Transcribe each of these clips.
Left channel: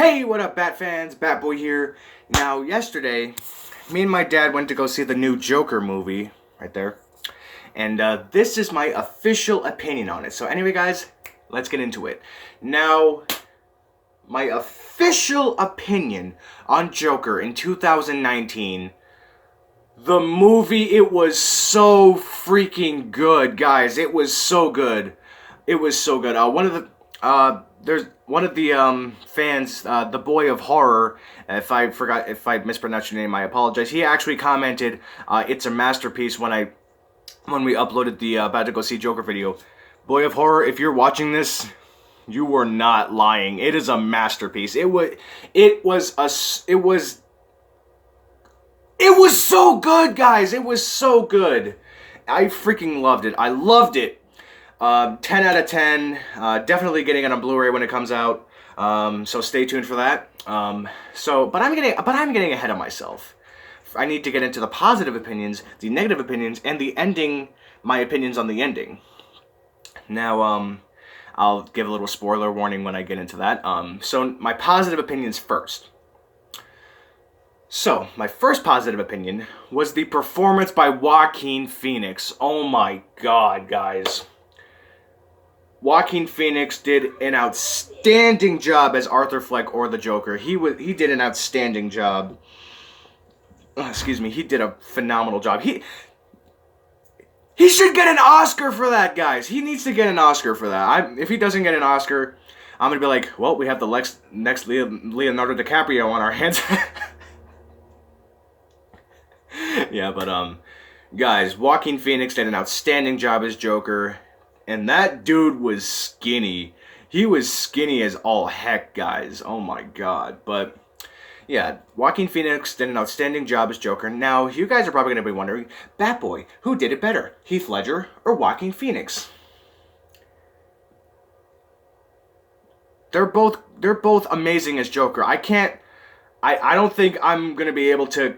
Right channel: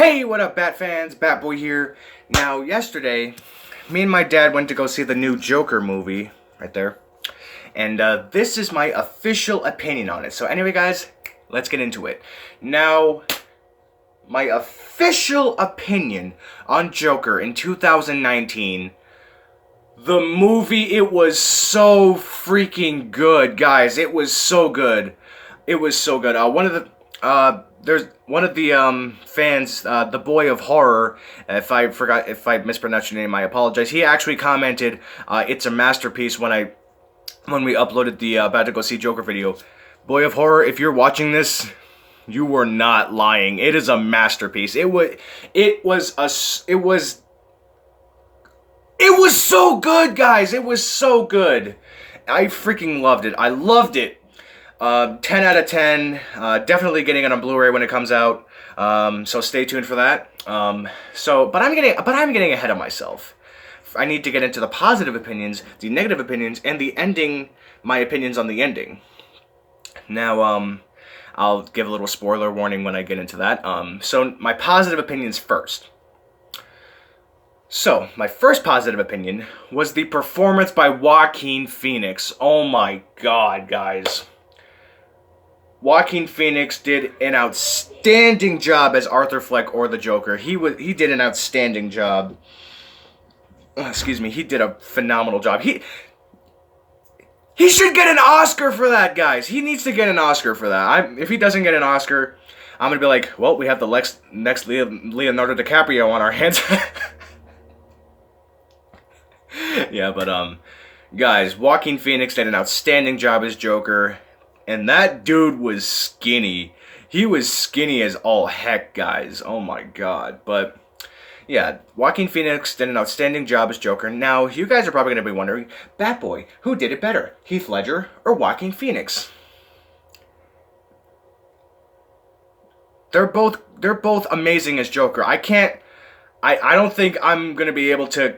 Hey, what up, Bat fans? Batboy here. Now, yesterday, me and my dad went to go see the new Joker movie, right there. And this is my official opinion on it. So anyway, guys, let's get into it. Now, my official opinion on Joker in 2019. The movie, it was so freaking good, guys. It was so good. It was so good. There's one of the fans, the Boy of Horror. If I mispronounced your name, I apologize. He actually commented, "It's a masterpiece." When we uploaded the about to go see Joker video. Boy of Horror, if you're watching this, you were not lying. It is a masterpiece. It was so good, guys. It was so good. I freaking loved it. I loved it. 10 out of 10. Definitely getting it on Blu-ray when it comes out. So stay tuned for that. But I'm getting ahead of myself. I need to get into the positive opinions, the negative opinions, and the ending. My opinions on the ending. Now, I'll give a little spoiler warning when I get into that. So my positive opinions first. So, my first positive opinion was the performance by Joaquin Phoenix. Oh my god, guys. Joaquin Phoenix did an outstanding job as Arthur Fleck or the Joker. He did an outstanding job. Excuse me, he did a phenomenal job. He should get an Oscar for that, guys. He needs to get an Oscar for that. If he doesn't get an Oscar, I'm gonna be like, well, we have the next Leonardo DiCaprio on our hands. Yeah, but guys, Joaquin Phoenix did an outstanding job as Joker, and that dude was skinny. He was skinny as all heck, guys. Oh my god. But yeah, Joaquin Phoenix did an outstanding job as Joker. Now, you guys are probably going to be wondering, Batboy, who did it better, Heath Ledger or Joaquin Phoenix? They're both amazing as Joker. I don't think I'm gonna be able to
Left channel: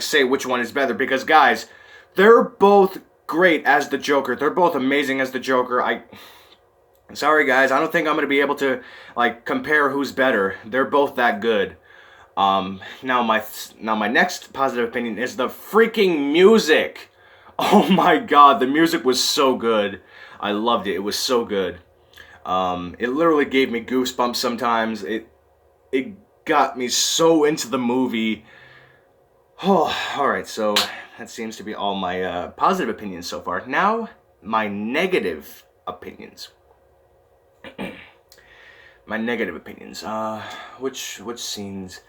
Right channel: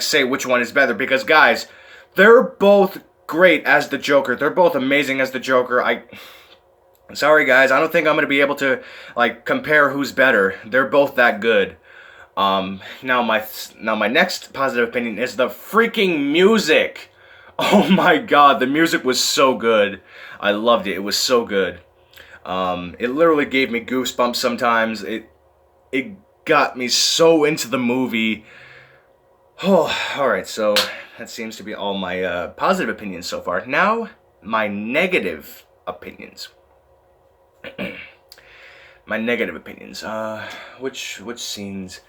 say which one is better, because guys, they're both great as the Joker. They're both amazing as the Joker. Sorry guys, I don't think I'm gonna be able to compare who's better. They're both that good. Now my next positive opinion is the freaking music. Oh my god, the music was so good. I loved it. It was so good. It literally gave me goosebumps sometimes. It got me so into the movie. Oh, alright, so that seems to be all my positive opinions so far. Now, my negative opinions. My negative opinions. Which scenes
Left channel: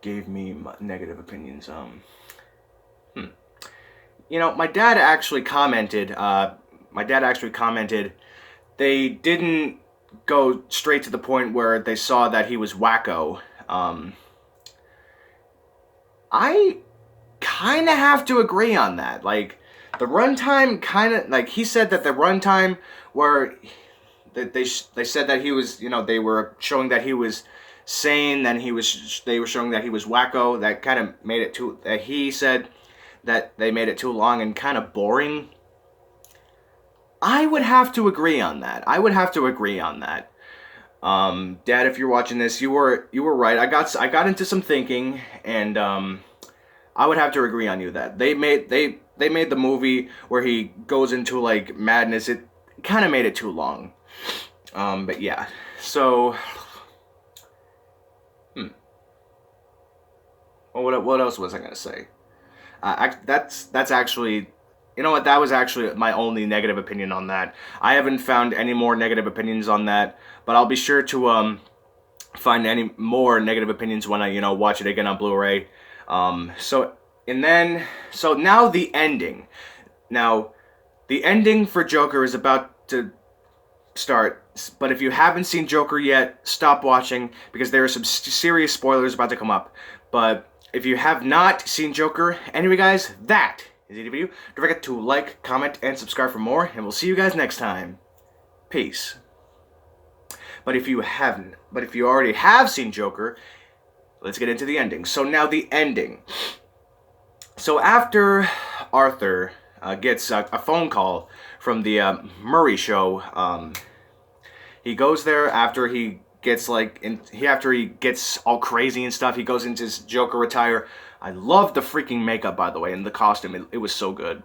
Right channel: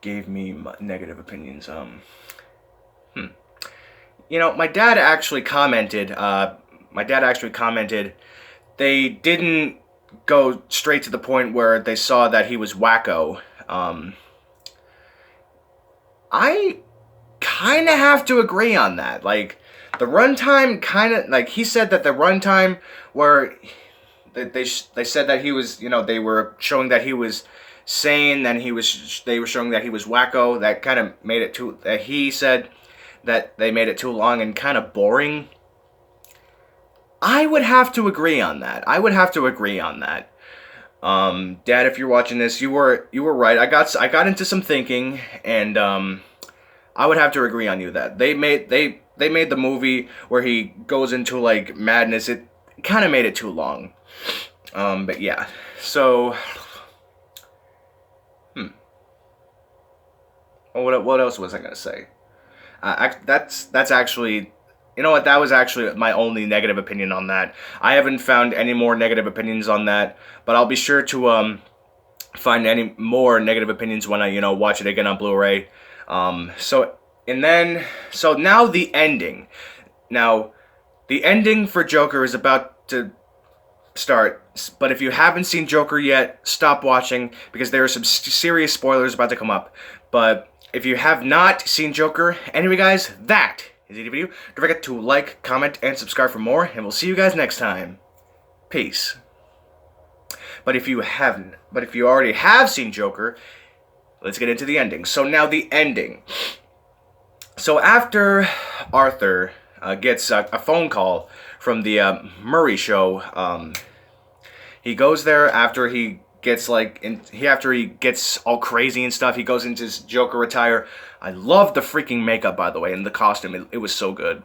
gave me negative opinions? You know, my dad actually commented, they didn't go straight to the point where they saw that he was wacko. I kind of have to agree on that. The runtime he said that the runtime where they said that he was, they were showing that he was sane, then they were showing that he was wacko. That kind of made it too, he said that they made it too long and kind of boring. I would have to agree on that. Dad, if you're watching this, you were right. I got into some thinking, and I would have to agree on you that they made the movie where he goes into madness. It kind of made it too long. But yeah. So well, what else was I gonna say? That's actually, you know what? That was actually my only negative opinion on that. I haven't found any more negative opinions on that, but I'll be sure to find any more negative opinions when I watch it again on Blu-ray. So now the ending. Now, the ending for Joker is about to start. But if you haven't seen Joker yet, stop watching, because there are some serious spoilers about to come up. But if you have not seen Joker, anyway, guys, that is the video. Don't forget to like, comment, and subscribe for more, and we'll see you guys next time. Peace. But if you already have seen Joker, let's get into the ending. So now the ending. So after Arthur gets a phone call from the Murray show, he goes there after he gets like, and after he gets all crazy and stuff, he goes into his Joker attire. I love the freaking makeup, by the way, and the costume. It was so good.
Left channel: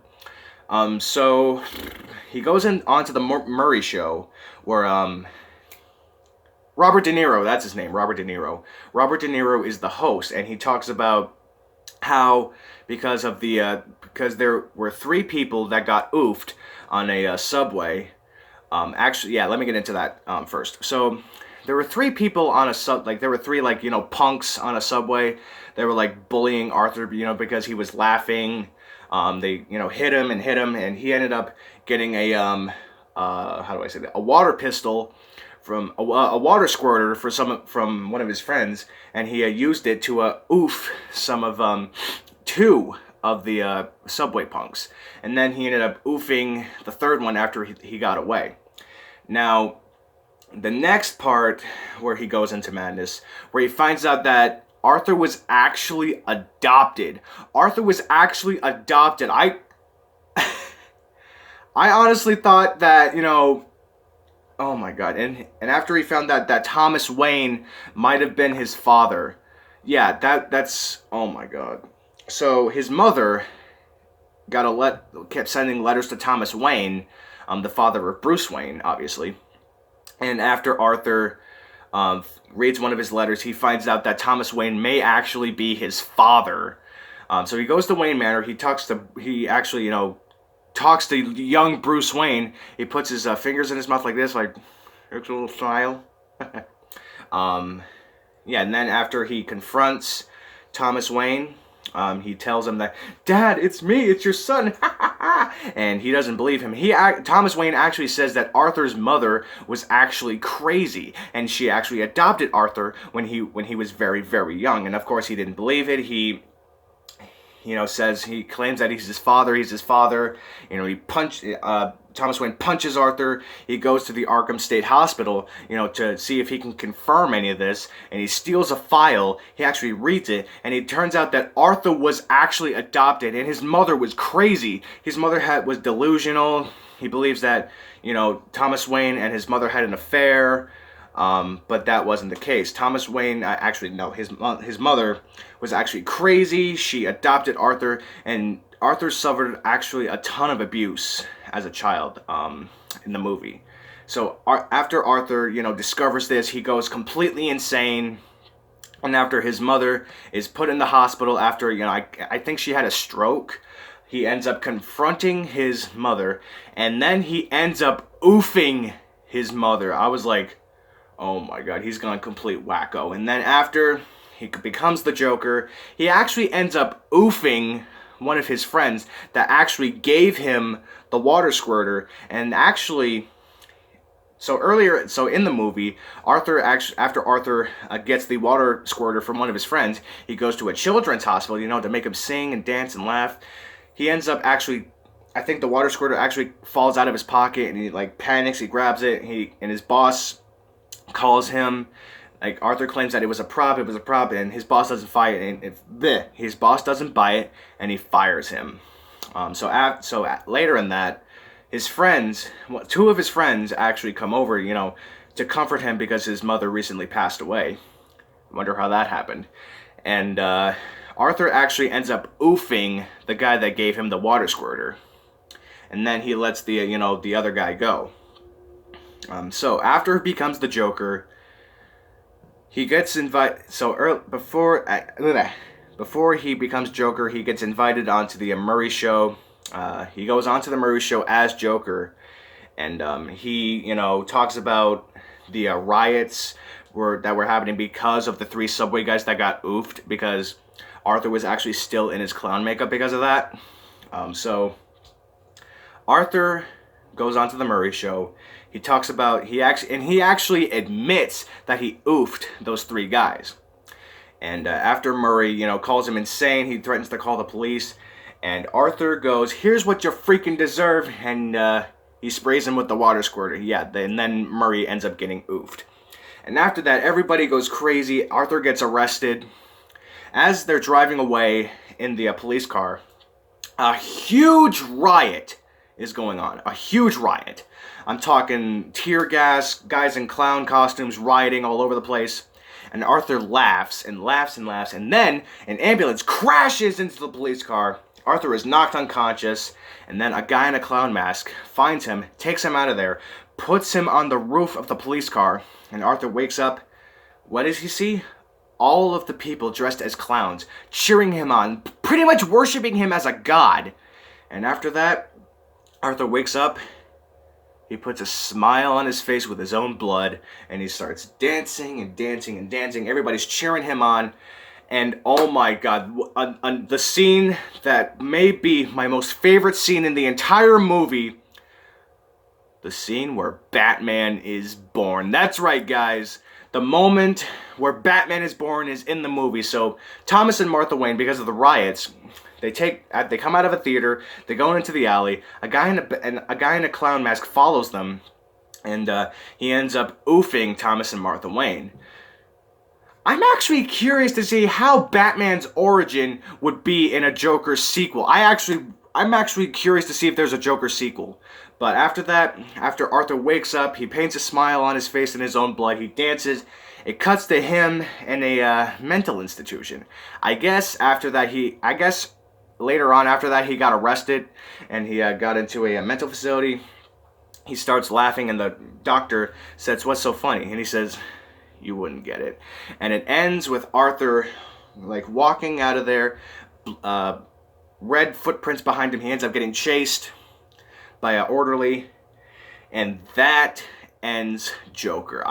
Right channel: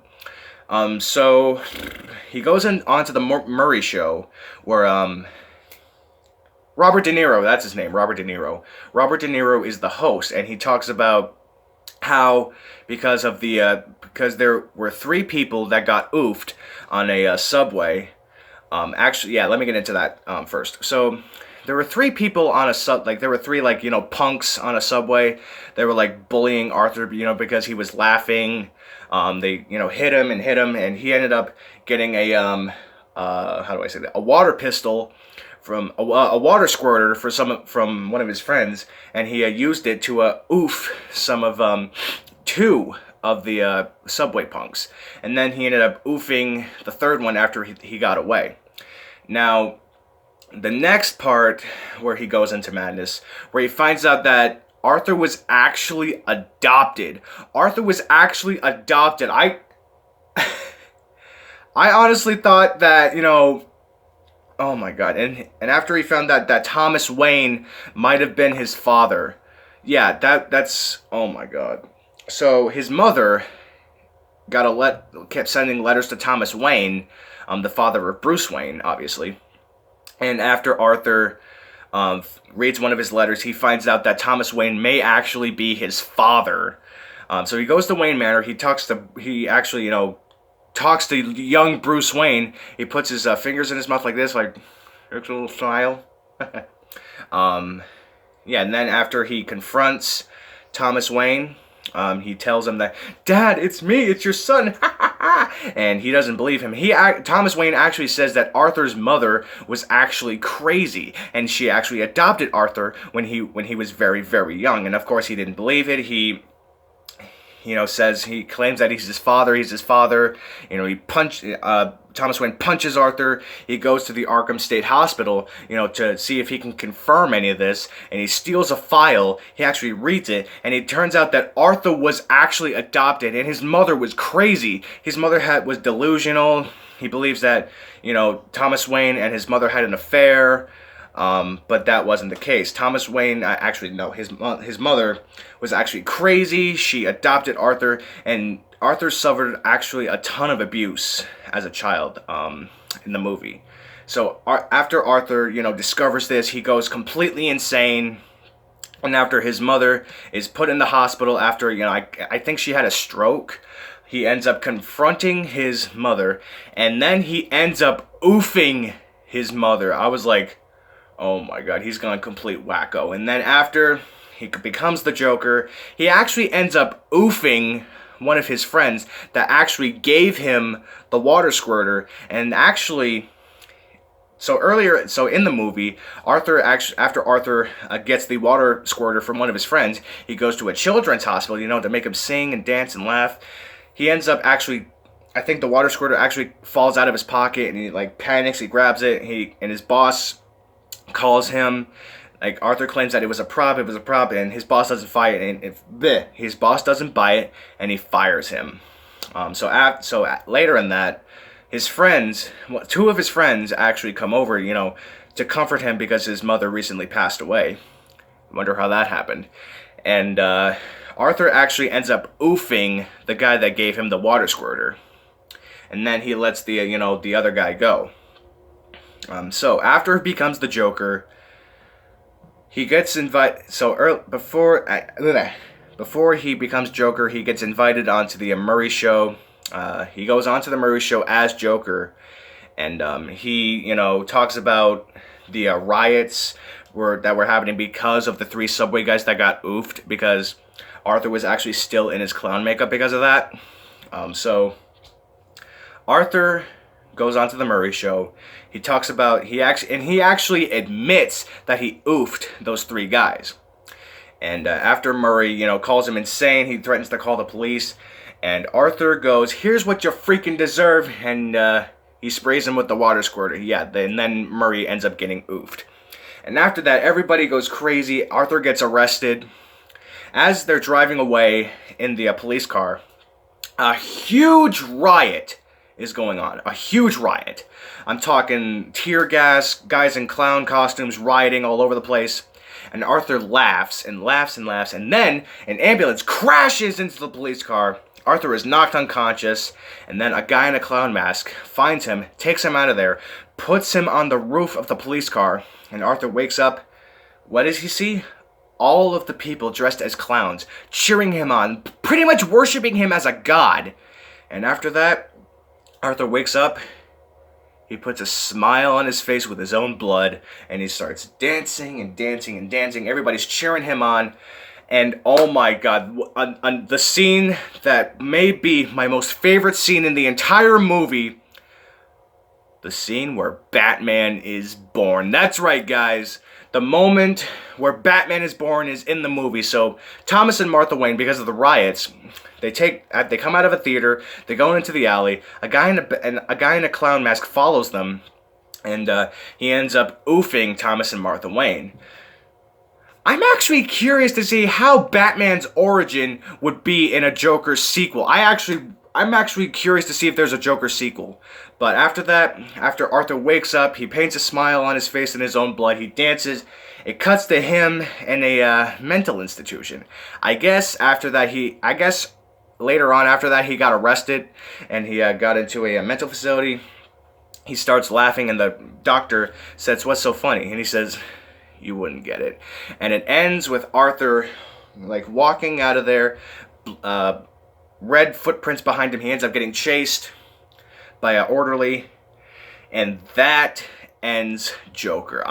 So he goes onto the Murray show where Robert De Niro, that's his name, Robert De Niro. Robert De Niro is the host, and he talks about how because there were 3 people that got oofed on a subway. Actually, yeah, let me get into that first. So there were 3 people on there were 3 punks on a subway. They were like bullying Arthur, because he was laughing. They hit him, and he ended up getting a how do I say that? A water pistol from a water squirter from one of his friends, and he used it to oof some of 2 of the subway punks, and then he ended up oofing the 3rd one after he got away. Now, the next part where he goes into madness, where he finds out that Arthur was actually adopted. I honestly thought that, oh my god. And after he found out that Thomas Wayne might have been his father. Yeah, that's oh my god. So his mother kept sending letters to Thomas Wayne, the father of Bruce Wayne, obviously. And after Arthur reads one of his letters, he finds out that Thomas Wayne may actually be his father. So he goes to Wayne Manor. He actually talks to young Bruce Wayne. He puts his fingers in his mouth like this, like, looks a little smile. Yeah, and then after he confronts Thomas Wayne, he tells him that, "Dad, it's me, it's your son." And he doesn't believe him. Thomas Wayne actually says that Arthur's mother was actually crazy, and she actually adopted Arthur when he was very, very young. And of course, he didn't believe it. He claims that he's his father. Thomas Wayne punches Arthur. He goes to the Arkham State Hospital, to see if he can confirm any of this, and he steals a file. He actually reads it, and it turns out that Arthur was actually adopted, and his mother was crazy. His mother was delusional. He believes that, Thomas Wayne and his mother had an affair. But that wasn't the case. Thomas Wayne, his mother was actually crazy. She adopted Arthur, and Arthur suffered actually a ton of abuse as a child in the movie. So after Arthur, discovers this, he goes completely insane. And after his mother is put in the hospital after, I think she had a stroke, he ends up confronting his mother, and then he ends up oofing his mother. I was like, oh my god, he's gone complete wacko. And then after he becomes the Joker, he actually ends up oofing one of his friends that actually gave him the water squirter. And actually, so in the movie, after Arthur gets the water squirter from one of his friends, he goes to a children's hospital, to make him sing and dance and laugh. He ends up actually, I think the water squirter actually falls out of his pocket, and he panics. He grabs it, and his boss calls him. Arthur claims that it was a prop, and his boss doesn't buy it, and his boss doesn't buy it, and he fires him. So later in that, his friends, 2 of his friends actually come over, to comfort him because his mother recently passed away. I wonder how that happened. And Arthur actually ends up oofing the guy that gave him the water squirter, and then he lets the other guy go. So after he becomes the Joker, he gets invited. Before he becomes Joker, he gets invited onto the Murray show. He goes onto the Murray show as Joker, and he talks about the riots that were happening because of the 3 subway guys that got oofed, because Arthur was actually still in his clown makeup because of that. So Arthur goes onto the Murray show. He talks about, he actually admits that he oofed those 3 guys. And after Murray, calls him insane, he threatens to call the police. And Arthur goes, "Here's what you freaking deserve," and he sprays him with the water squirter. Yeah, and then Murray ends up getting oofed. And after that, everybody goes crazy. Arthur gets arrested. As they're driving away in the police car, a huge riot is going on. A huge riot. I'm talking tear gas, guys in clown costumes rioting all over the place. And Arthur laughs and laughs and laughs. And then an ambulance crashes into the police car. Arthur is knocked unconscious. And then a guy in a clown mask finds him, takes him out of there, puts him on the roof of the police car. And Arthur wakes up. What does he see? All of the people dressed as clowns, cheering him on, pretty much worshiping him as a god. And after that, Arthur wakes up, he puts a smile on his face with his own blood, and he starts dancing and dancing and dancing. Everybody's cheering him on, and oh my god, on the scene that may be my most favorite scene in the entire movie, the scene where Batman is born. That's right, guys. The moment where Batman is born is in the movie. So Thomas and Martha Wayne, because of the riots, they come out of a theater, they go into the alley. A guy in a clown mask follows them, and he ends up oofing Thomas and Martha Wayne. I'm actually curious to see how Batman's origin would be in a Joker sequel. I'm actually curious to see if there's a Joker sequel. But after that, after Arthur wakes up, he paints a smile on his face in his own blood. He dances. It cuts to him in a mental institution. I guess later on after that he got arrested and he got into a mental facility. He starts laughing and the doctor says, "What's so funny?" And he says, "You wouldn't get it." And it ends with Arthur like walking out of there, red footprints behind him. He ends up getting chased by an orderly, and that ends Joker.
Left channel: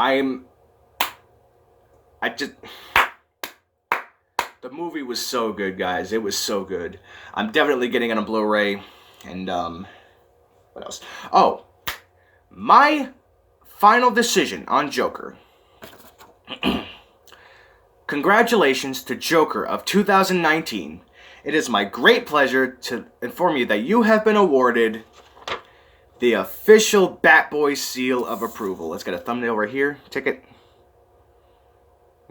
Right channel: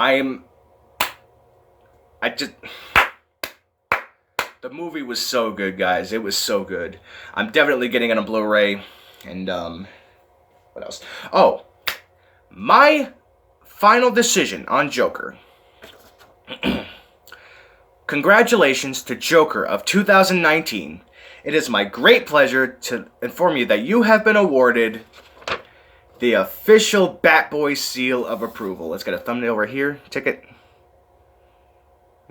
The movie was so good, guys. It was so good. I'm definitely getting it on Blu-ray. And what else? Oh, my final decision on Joker. Congratulations to Joker of 2019. It is my great pleasure to inform you that you have been awarded the official Batboy seal of approval. Let's get a thumbnail right here. Ticket.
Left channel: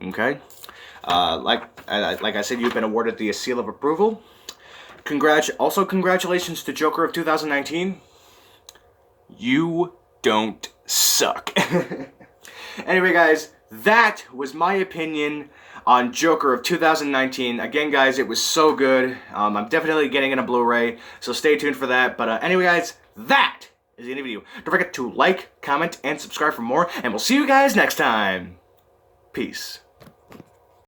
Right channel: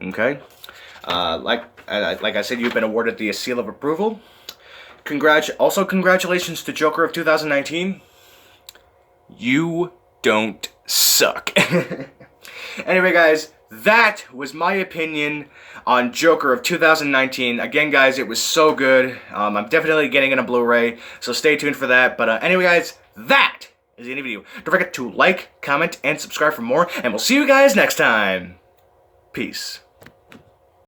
Okay. Like I said, you've been awarded the seal of approval. Also, congratulations to Joker of 2019. You don't suck. Anyway, guys, that was my opinion on Joker of 2019. Again, guys, it was so good. I'm definitely getting it on Blu-ray, so stay tuned for that. But anyway, guys, that is the end of the video. Don't forget to like, comment, and subscribe for more, and we'll see you guys next time. Peace.